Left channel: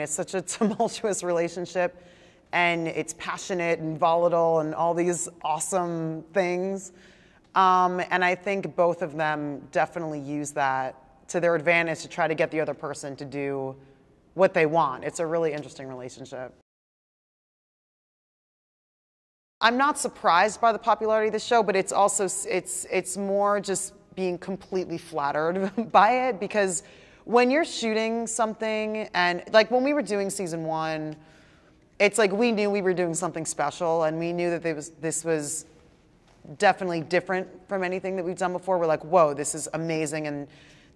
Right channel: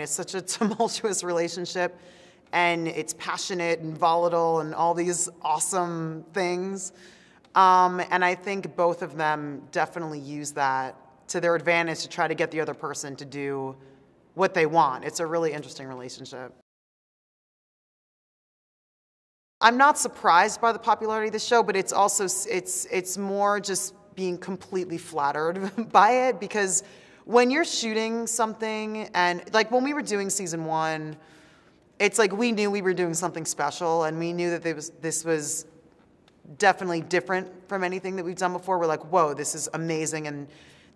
It's such a tumultuous relationship, and it's passionate and volatile and all these awesome things. And I think both of them definitely use that to their advantage to try to get the other person to do what they want. It's a really interesting relationship. I'm not surprised by the popularity of the show, but it's also, it's more just being completely flattered by it, because when you're shooting something, and like when we were doing season 1, it's like we knew we were doing something special, and we knew that this was definitely different from anything that we've done before. We're like, whoa, this is amazing, and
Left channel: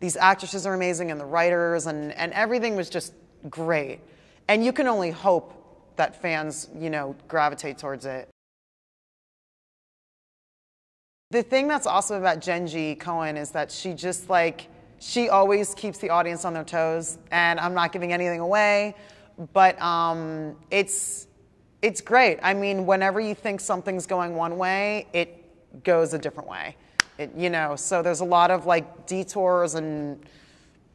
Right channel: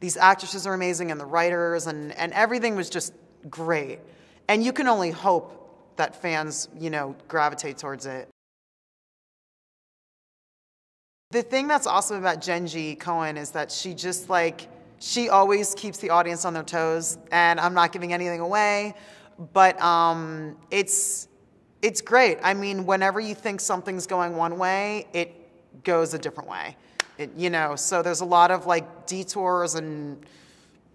these actresses are amazing, and the writers, and everything was just great. And you can only hope that fans, you know, gravitate towards it. The thing that's awesome about Jenji Kohan is that she just she always keeps the audience on their toes, and I'm not giving anything away, but it's great. I mean, whenever you think something's going one way, it goes a different way. You know, so there's a lot of like detours and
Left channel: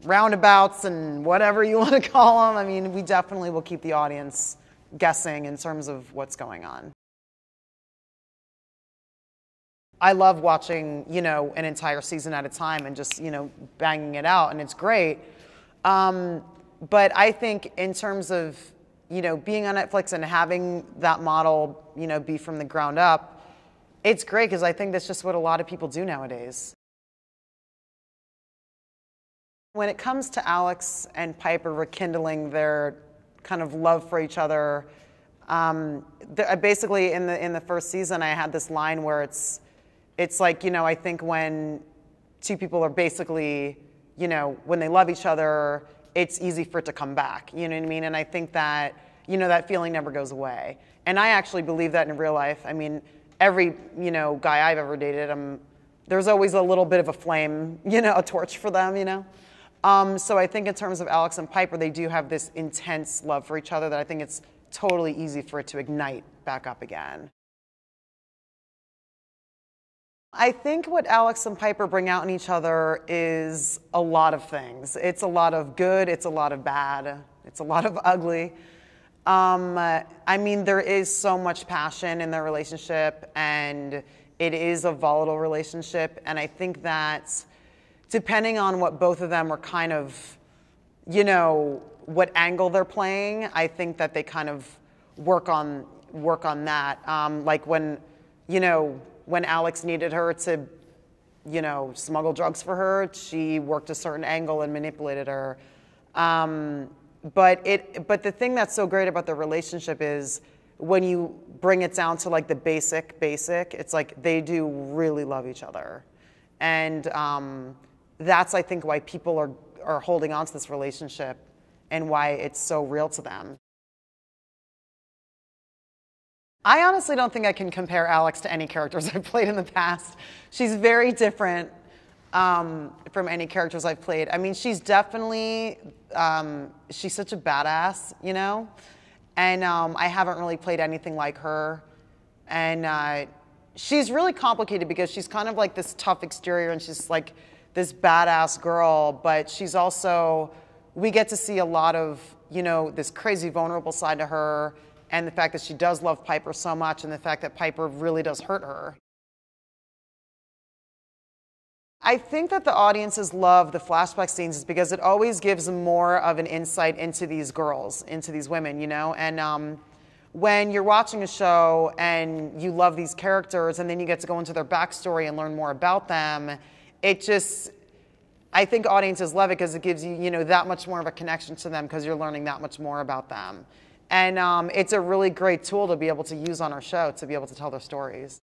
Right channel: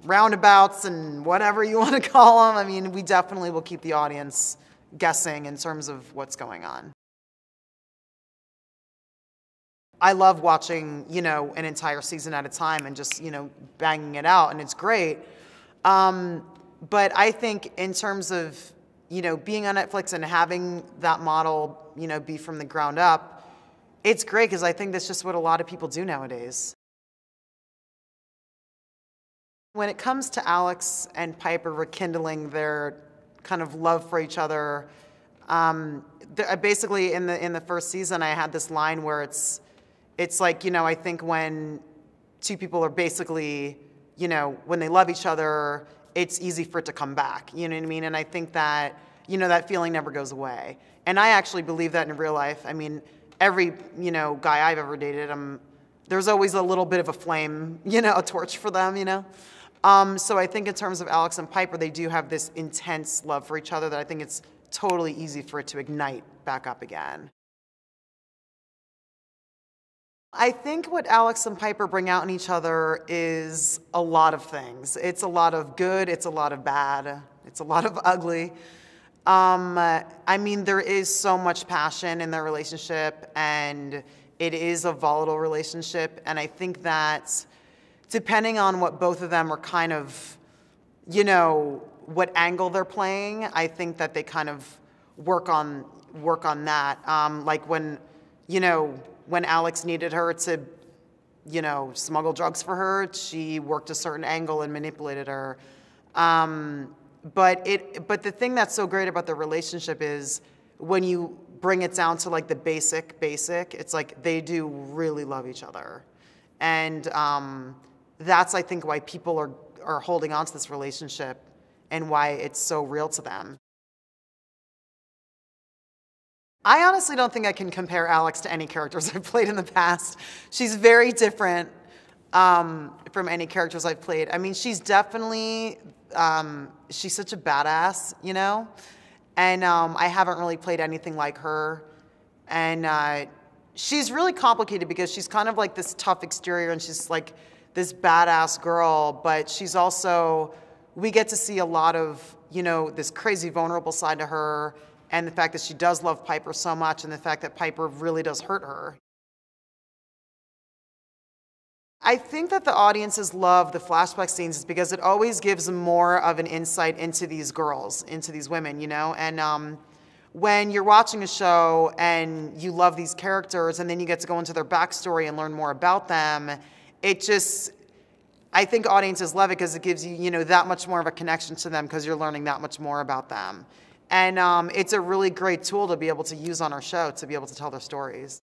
roundabouts and whatever you want to call them. I mean, we definitely will keep the audience guessing in terms of what's going on. I love watching, you know, an entire season at a time and just, you know, banging it out, and it's great. But I think in terms of, you know, being on Netflix and having that model, you know, be from the ground up, it's great because I think that's just what a lot of people do nowadays. When it comes to Alex and Piper rekindling their kind of love for each other, basically in the first season, I had this line where it's like, you know, I think when two people are basically, you know, when they love each other, it's easy for it to come back, you know what I mean? And I think that, you know, that feeling never goes away. And I actually believe that in real life. I mean, every, you know, guy I've ever dated, there's always a little bit of a flame, you know, a torch for them, you know? So I think in terms of Alex and Piper, they do have this intense love for each other that I think it's totally easy for it to ignite back up again. I think what Alex and Piper bring out in each other is a lot of things. It's a lot of good, it's a lot of bad, it's a lot of ugly. I mean, there is so much passion in their relationship, and it is a volatile relationship, and I think that depending on what both of them are kind of, you know, what angle they're playing, I think that they kind of work on that. Like when, you know, when Alex needed her to, you know, smuggle drugs for her, she worked a certain angle and manipulated her. But the thing that's so great about their relationship is when you bring it down to like the basic, it's like they do really love each other. And that's, I think, why people are holding on to this relationship and why it's so real to them. I honestly don't think I can compare Alex to any characters I've played in the past. She's very different from any characters I've played. I mean, she's definitely, she's such a badass, you know? And I haven't really played anything like her. And she's really complicated because she's kind of like this tough exterior, and she's like this badass girl, but she's also, we get to see a lot of, you know, this crazy vulnerable side to her, and the fact that she does love Piper so much, and the fact that Piper really does hurt her. I think that the audiences love the flashback scenes is because it always gives them more of an insight into these girls, into these women, you know? And when you're watching a show and you love these characters and then you get to go into their backstory and learn more about them, it just, I think audiences love it because it gives you, you know, that much more of a connection to them because you're learning that much more about them. And it's a really great tool to be able to use on our show to be able to tell their stories.